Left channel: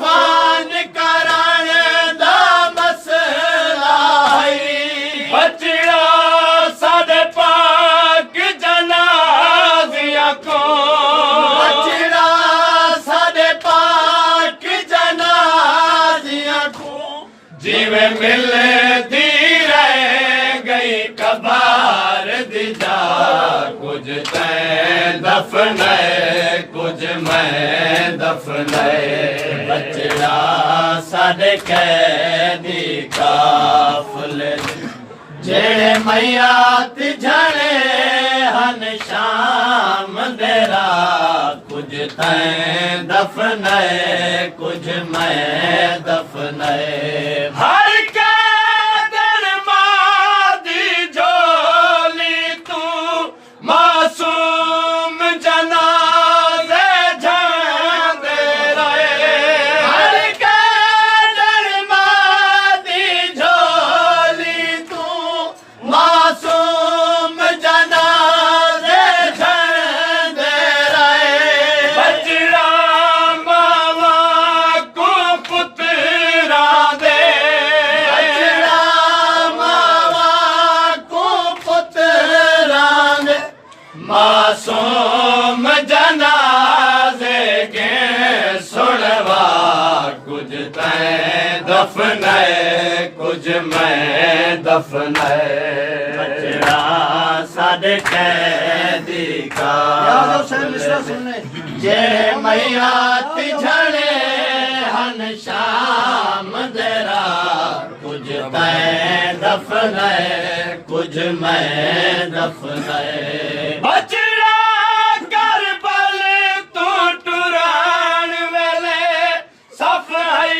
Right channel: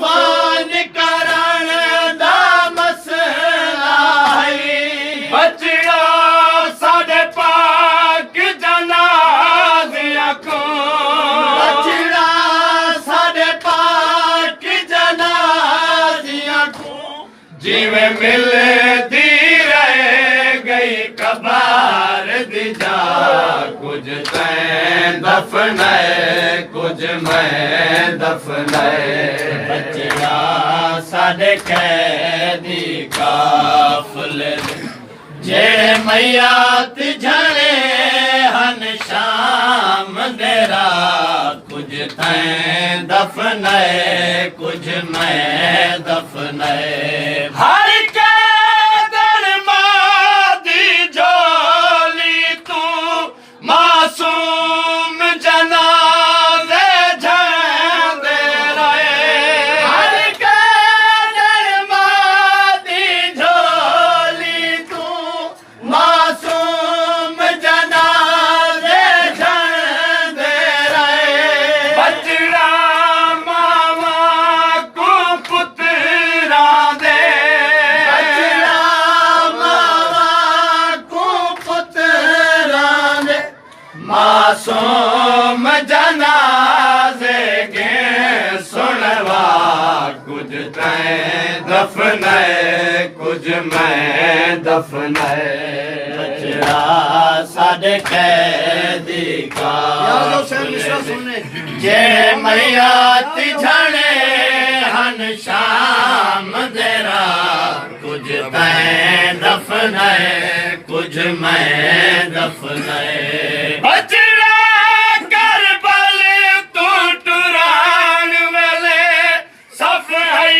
फान करण दा मसला है बचड़ा साडे पाक जनाज़िया को बचड़ा साडे पाक जनाज़िया को जिवें मिलदी रह गई कबार दिजा कुछ तैं दफनाए कुछ मैं दफनाए बचड़ा साडे कैदी काफले जेड़े मैयात झड़े हन शाम देरा कुछ तैं दफनाए कुछ मैं दफनाए हर मासूम जनाज़े झंडे रहे हर कदर मादी झोली तू मासूम जनाज़े झंडे रहे बचड़ा मामा को पुत्रा दे बचड़ा मामा को पुत्रा दे मासूम जनाज़े के सुनवा कुछ तैं दफनाए कुछ मैं दफनाए बचड़ा साडे कैदी काफले जे मैयात झड़े हन शाम देरा कुछ तैं दफनाए कुछ मैं दफनाए बचड़ा करबल तू टुरान वेले सफाई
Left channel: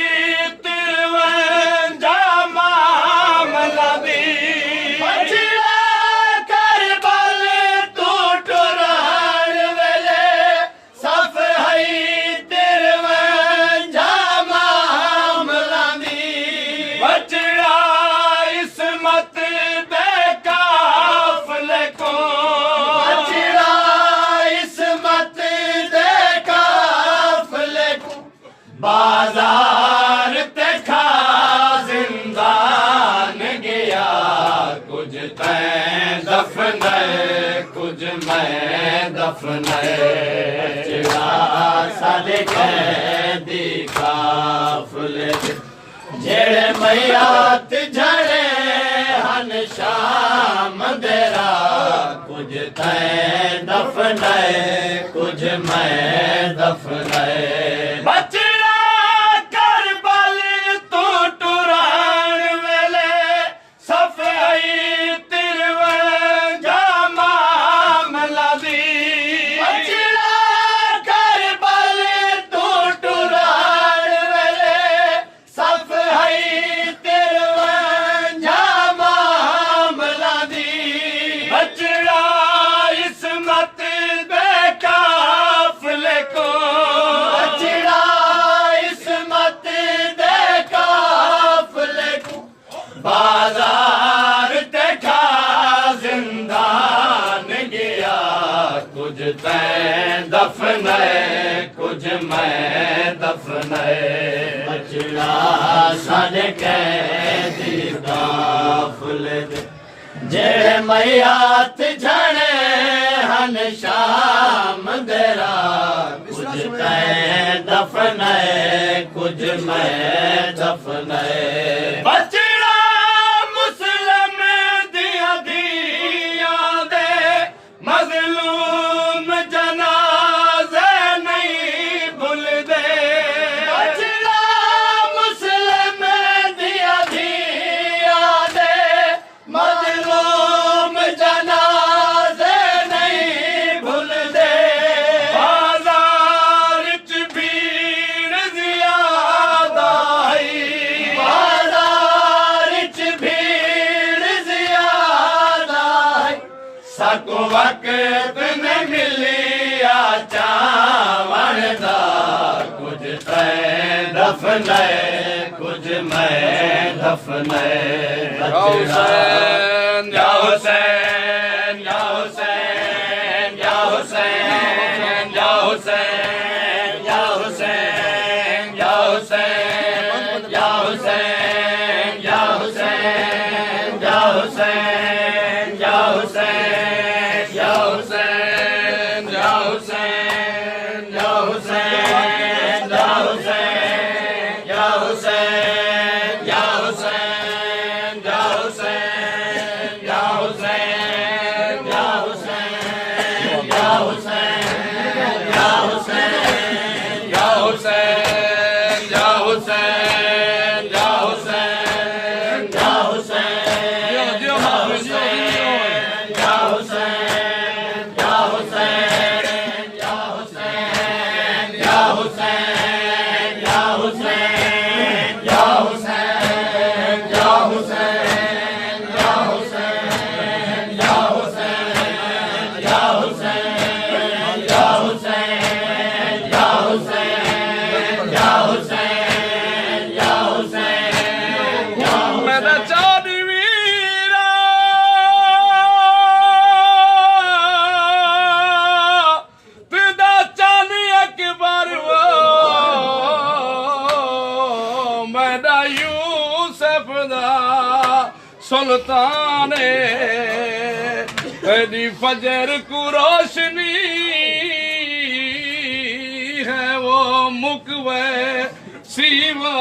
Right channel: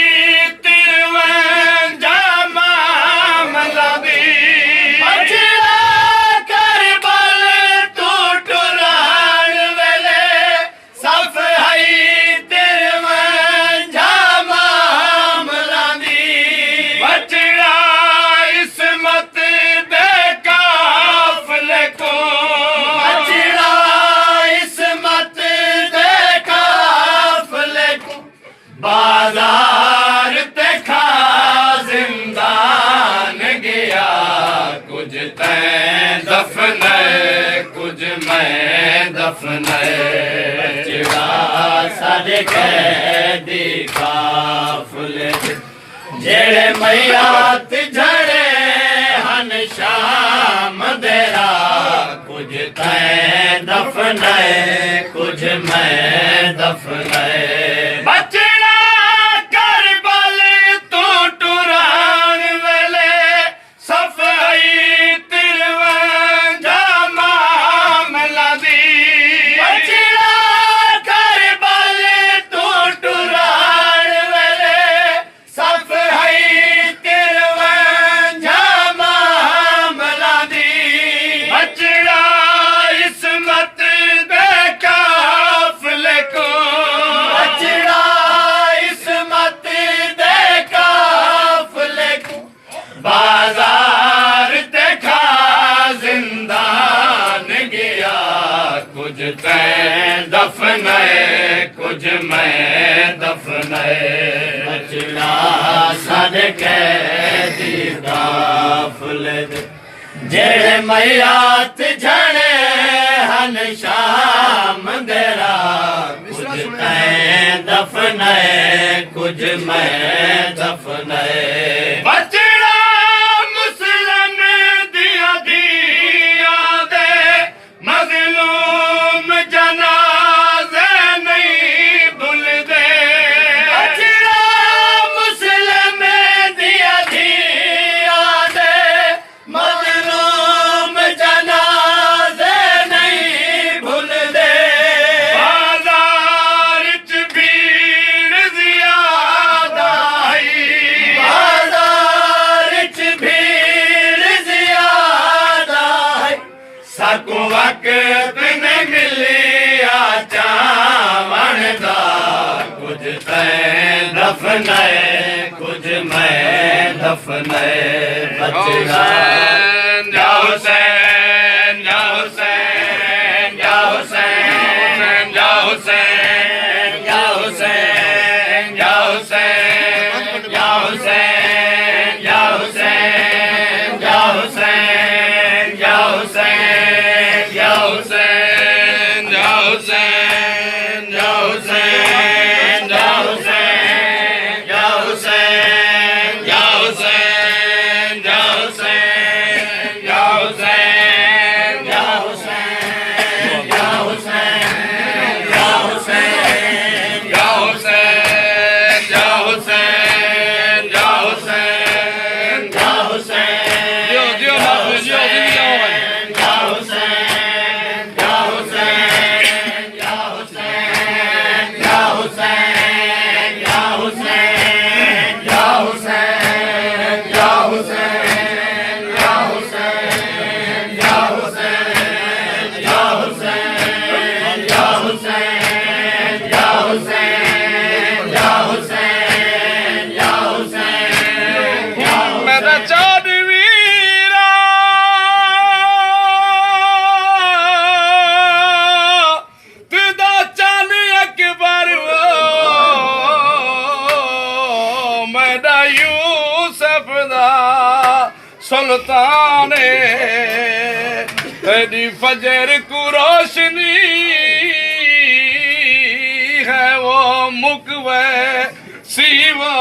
तिरवंजा मामला दी बचड़ा करबल तू टुरान वेले सफाई तिरवंजा मामला दी बचड़ा इसमत दे काफले को बचड़ा इसमत दे काफले को बाजार ते खा जिंदान गया कुछ तैं दफनाए कुछ मैं दफनाए बचड़ा साडे कैदी काफले जेड़े मैयात झड़े हन शाम देरा कुछ तैं दफनाए कुछ मैं दफनाए बचड़ा करबल तू टुरान वेले सफाई तिरवंजा मामला दी बचड़ा करबल तू टुरान वेले सफाई तिरवंजा मामला दी बचड़ा इसमत दे काफले को बचड़ा इसमत दे काफले को बाजार ते खा जिंदान गया कुछ तैं दफनाए कुछ मैं दफनाए बचड़ा साडे कैदी काफले जेड़े मैयात झड़े हन शाम देरा कुछ तैं दफनाए कुछ मैं दफनाए बचड़ा मुस्लिम दिया दिया दे मजलूम जनाज़े नहीं भूल दे बचड़ा मुस्लिम दिया दिया दे मजलूम जनाज़े नहीं भूल दे बाजार च भीड़ ज़ियादा आई बाजार च भीड़ ज़ियादा आई सकू वक्त ने मिलिया चावण दा कुछ तैं दफनाए कुछ मैं दफनाए बचड़ा या हुसैन या हुसैन या हुसैन या हुसैन या हुसैन या हुसैन यूसुफ दा सुल्तान तेरी फजर को रोशनी है वो मुकवे सीवा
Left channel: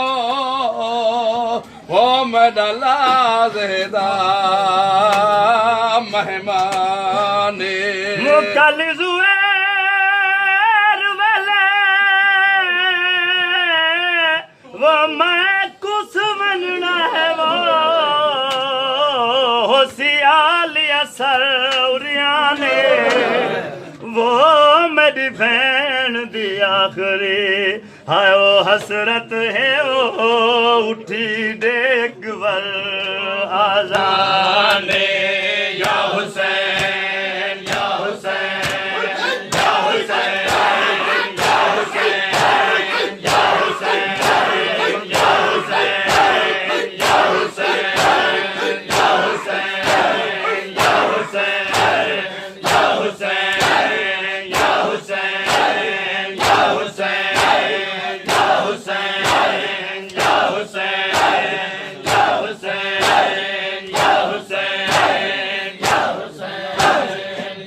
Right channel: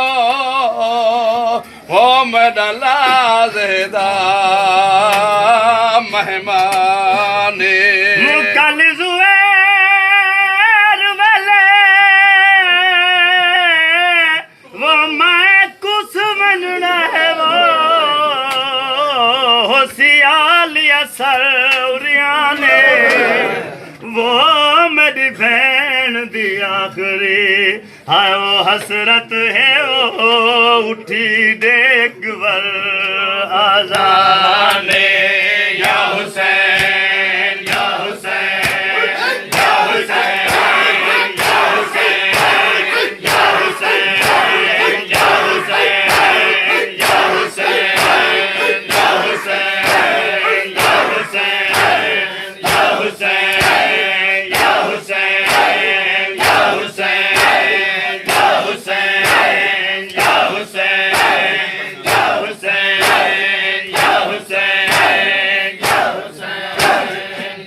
वो मेरा लाज़ेदा मेहमान मुकल ज़ुबैर वाले वो मैं कुछ मनना है वो होशियार असरिया ने वो मेरी बहन दी आखिरी हाय वो हसरत है वो उठी देख वर आजाने या हुसैन या हुसैन या हुसैन या हुसैन या हुसैन या हुसैन या हुसैन या हुसैन या हुसैन या हुसैन या हुसैन या हुसैन या हुसैन या हुसैन या हुसैन या हुसैन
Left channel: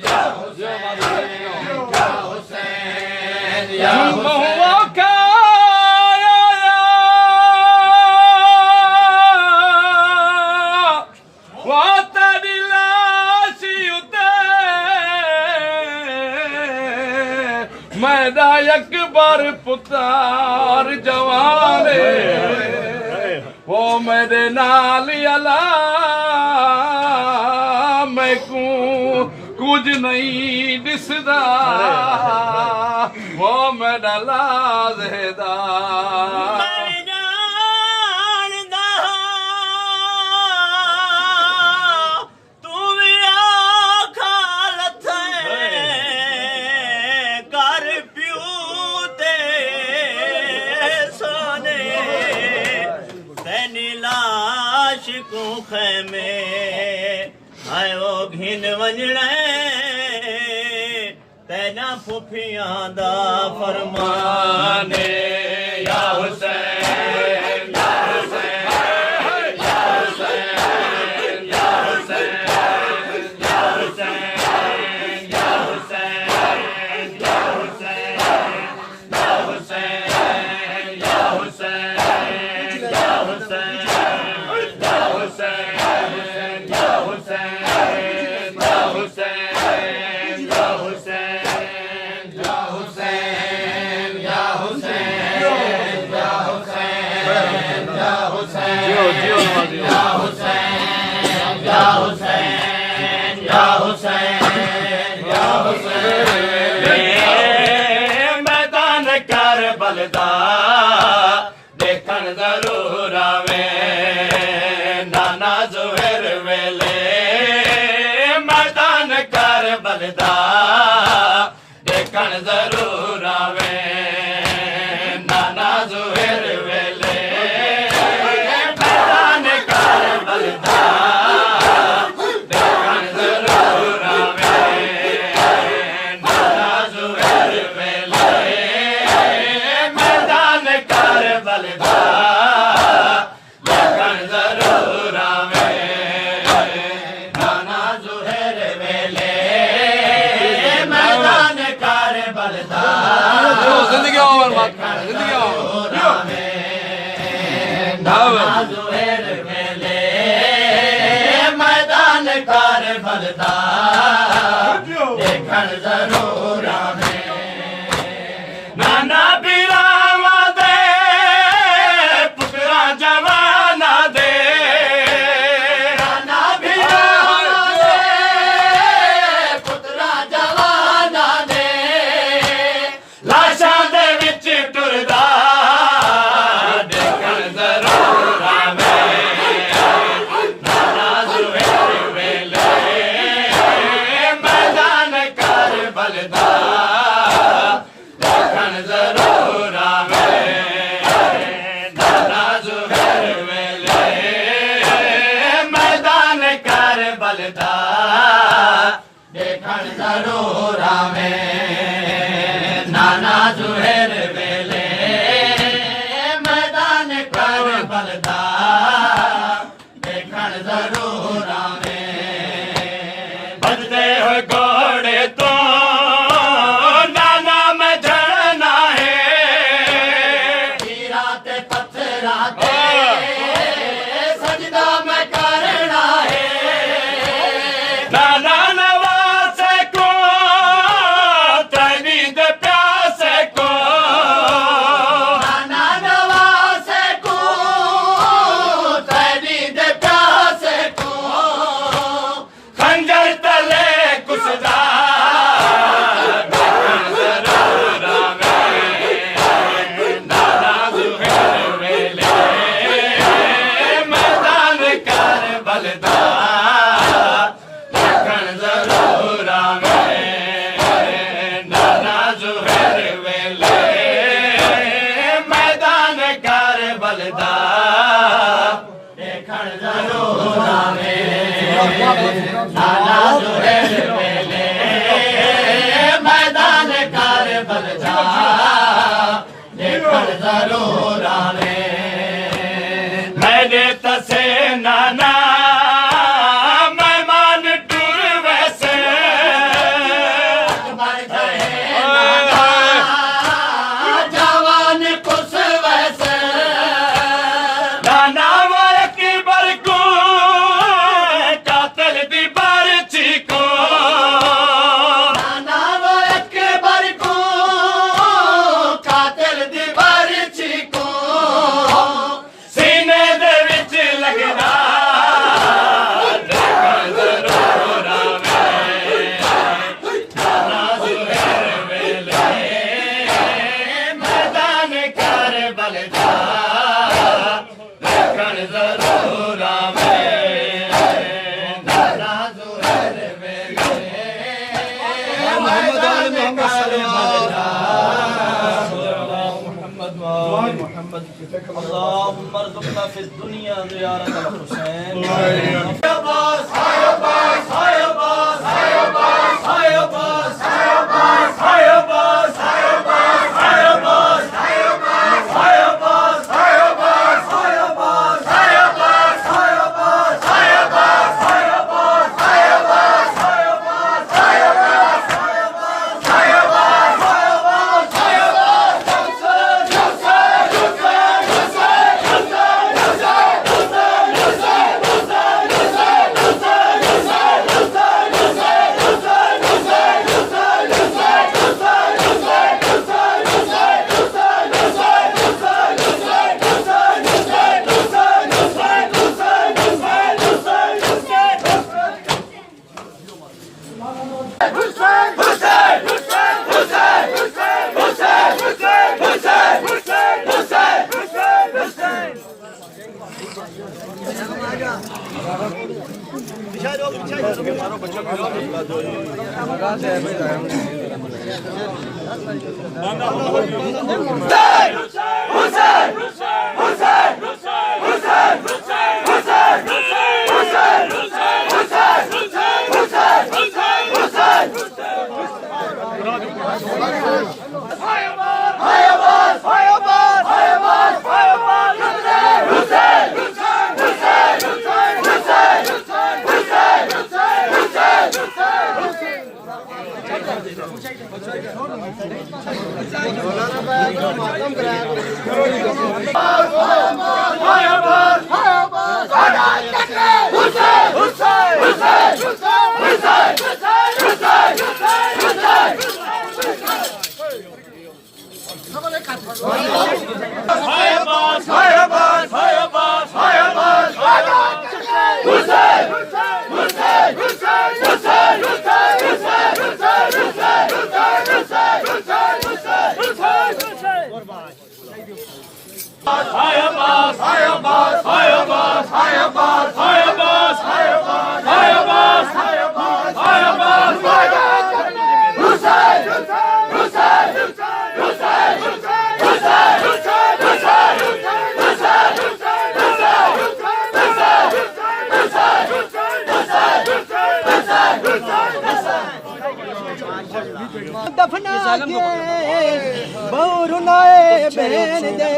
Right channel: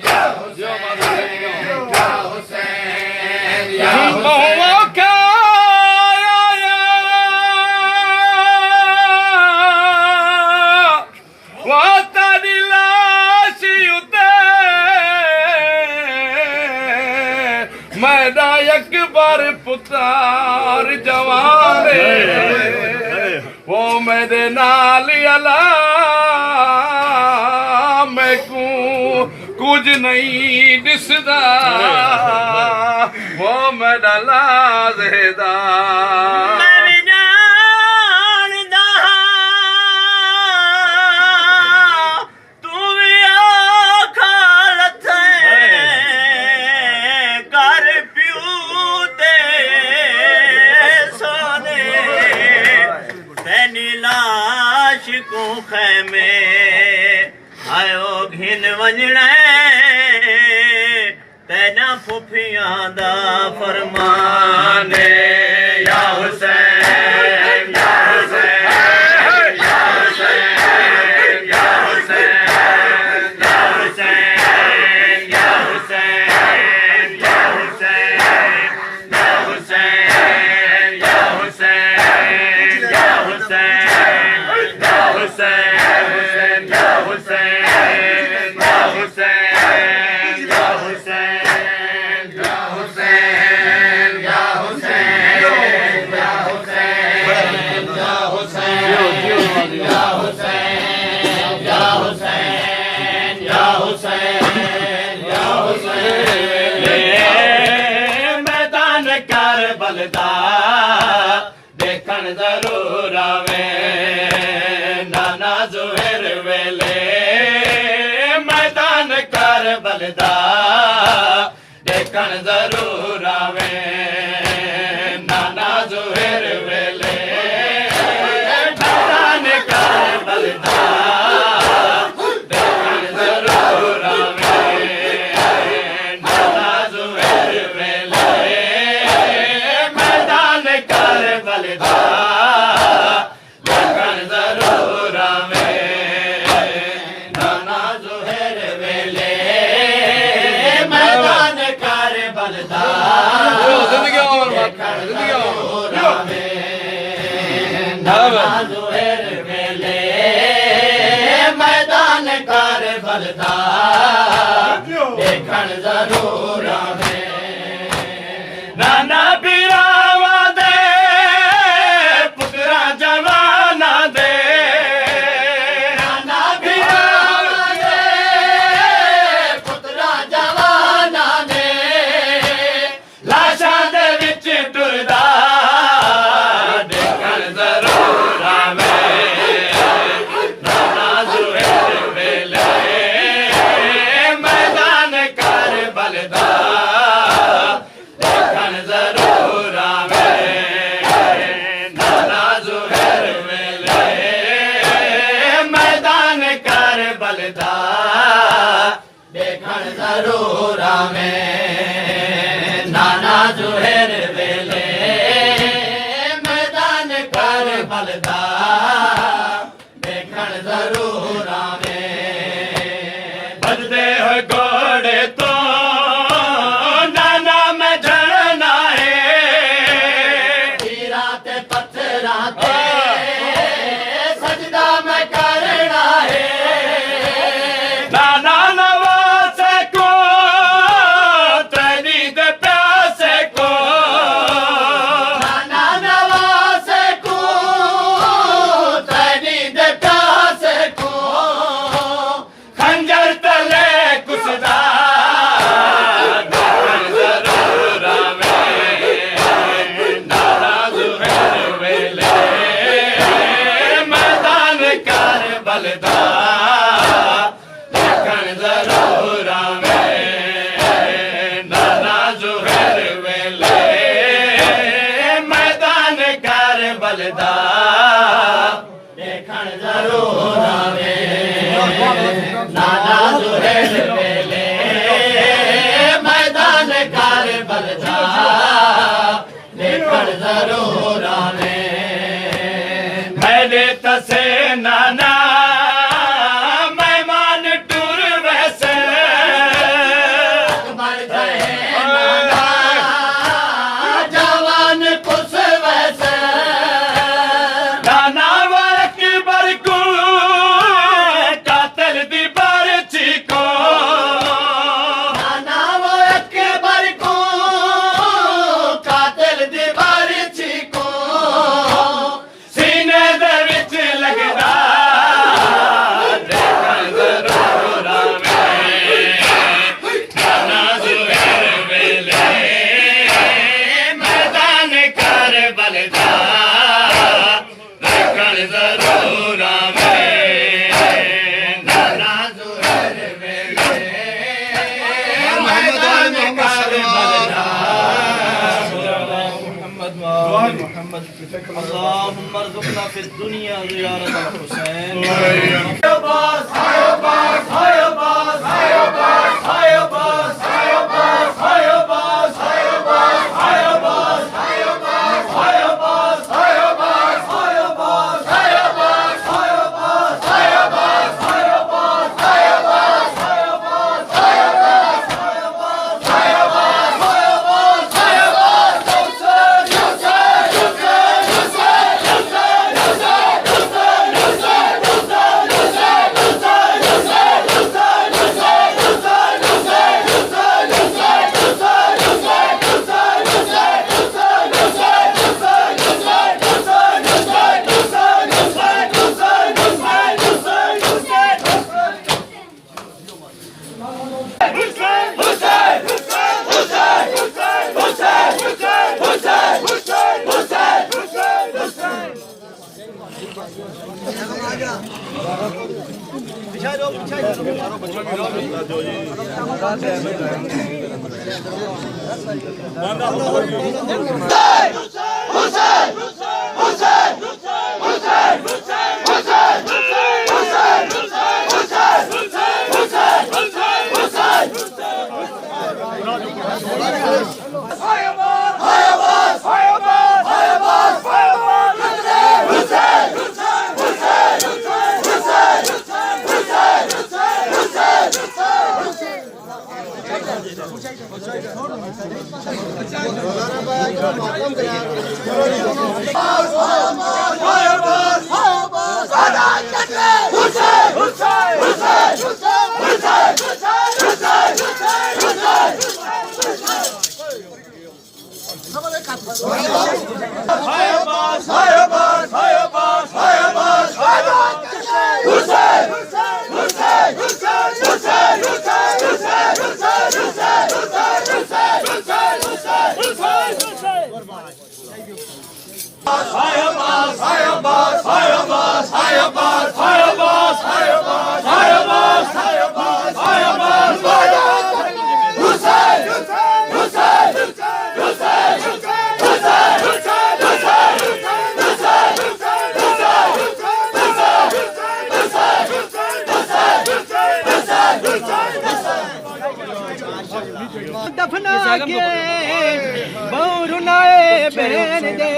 या हुसैन या हुसैन या मैदा अकबर पुतार जवाने वो मेरे नाल अला मैं कुछ नहीं दिसदा वो मेरा लाज़ेदा को खैमे आयो घिन वञणा तेना फुफियां दा फरमान या हुसैन या हुसैन या हुसैन या हुसैन या हुसैन या हुसैन या हुसैन या हुसैन या हुसैन या हुसैन मैदान करबल दा देखण जरूर आवे नाना ज़ुहैर वेले मैदान करबल दा देखण जरूर आवे नाना ज़ुहैर वेले मैदान करबल दा देखण जरूर आवे नाना ज़ुहैर वेले मैदान करबल दा देखण जरूर आवे नाना ज़ुहैर वेले मैदान करबल दा जिंदगी नाना ज़ुहैर वेले मैदान करबल दा देखण जरूर आवे नाना बिरावा दे पुत्रा जवाना दे नाना बिरावा दे पुत्रा जवाना दे लाशां दे विच टुरदा देखण जरूर आवे नाना ज़ुहैर वेले मैदान करबल दा देखण जरूर आवे नाना ज़ुहैर वेले मैदान करबल दा देखण जरूर आवे नाना ज़ुहैर वेले मैदान करबल दा राते सजदा मैं करना है नाना नवाज को तनी दे प्यास को नाना नवाज को तेरी दे प्यास को खंजर तले कुसदा मैदान कर बलदा लखन जरूर में नाना जुहर वेले मैदान कर बलदा देखण जरूर आवे नाना जुहेल वेले मैदान कर बलदा देखण जरूर आवे मैंने तसे नाना मेहमान टूर वैसे बन गए नाना जवान कुछ वैसे नाना अकबर को कातल दी बारची को नाना वो अकबर को कातिल दी बारिची को सीने दे विच लगदा देखण जरूर आवे नाना जुहर वेले मैदान कर बलदा देखण जरूर आवे नाना जुहर वेले मैदान कर बलदा اللهم ارزقنا في الدنيا زيارة الحسين दफना के बहुरुनाए बहन दे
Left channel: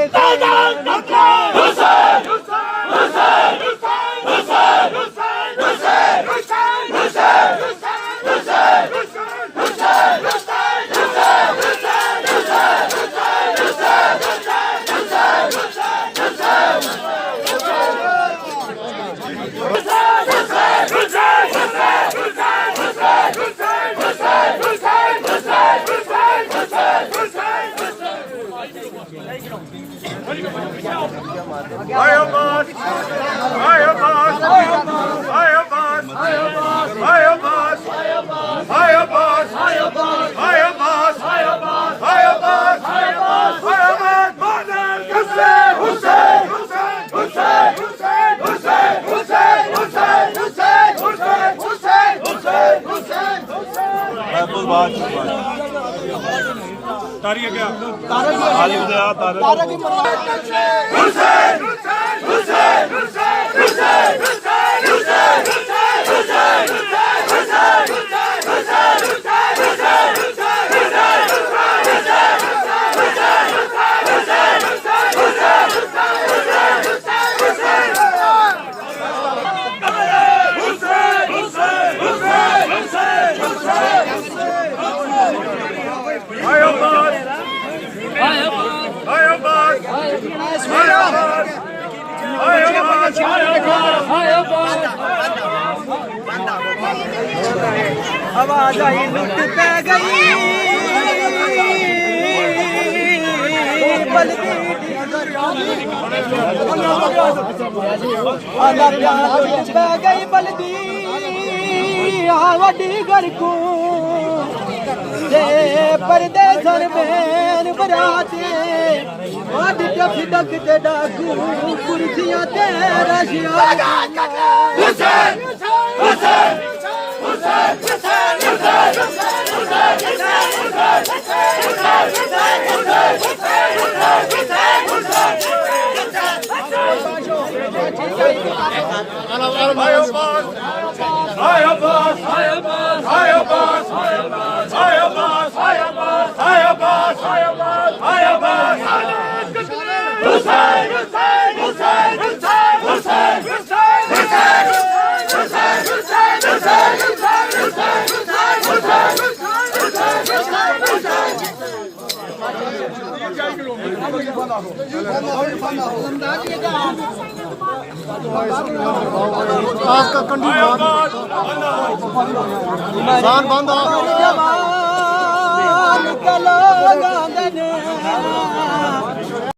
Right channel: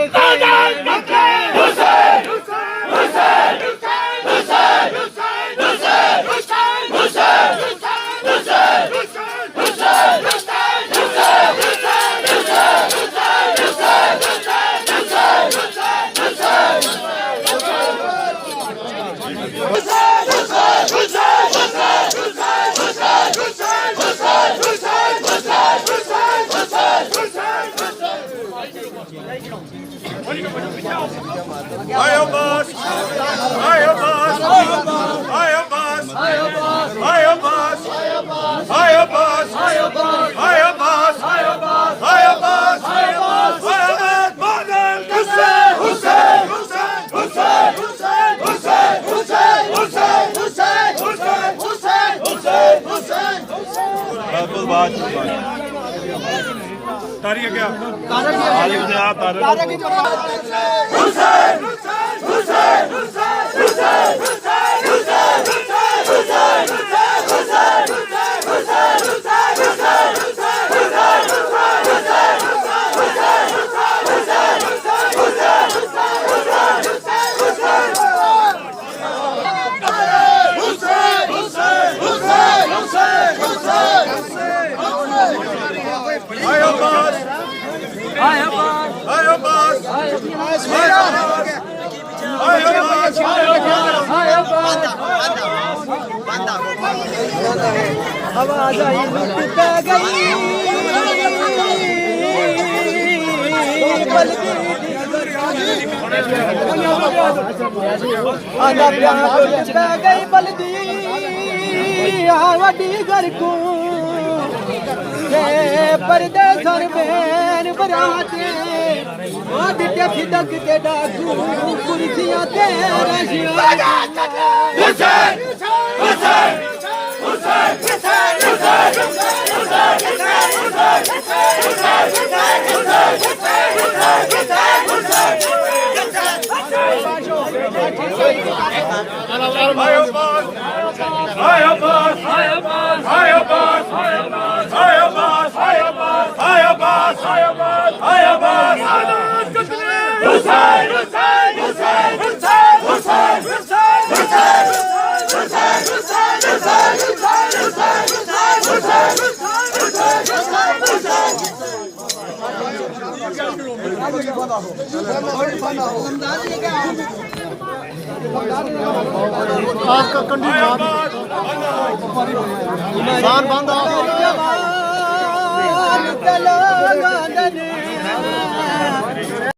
आवाज आई लुट पे गई आंदा प्यार लुट पे गई बलदी वड्डी घर को परदेसन बैन बराते डिटे फिदक ते डाकू कुर्सियां ते रशिया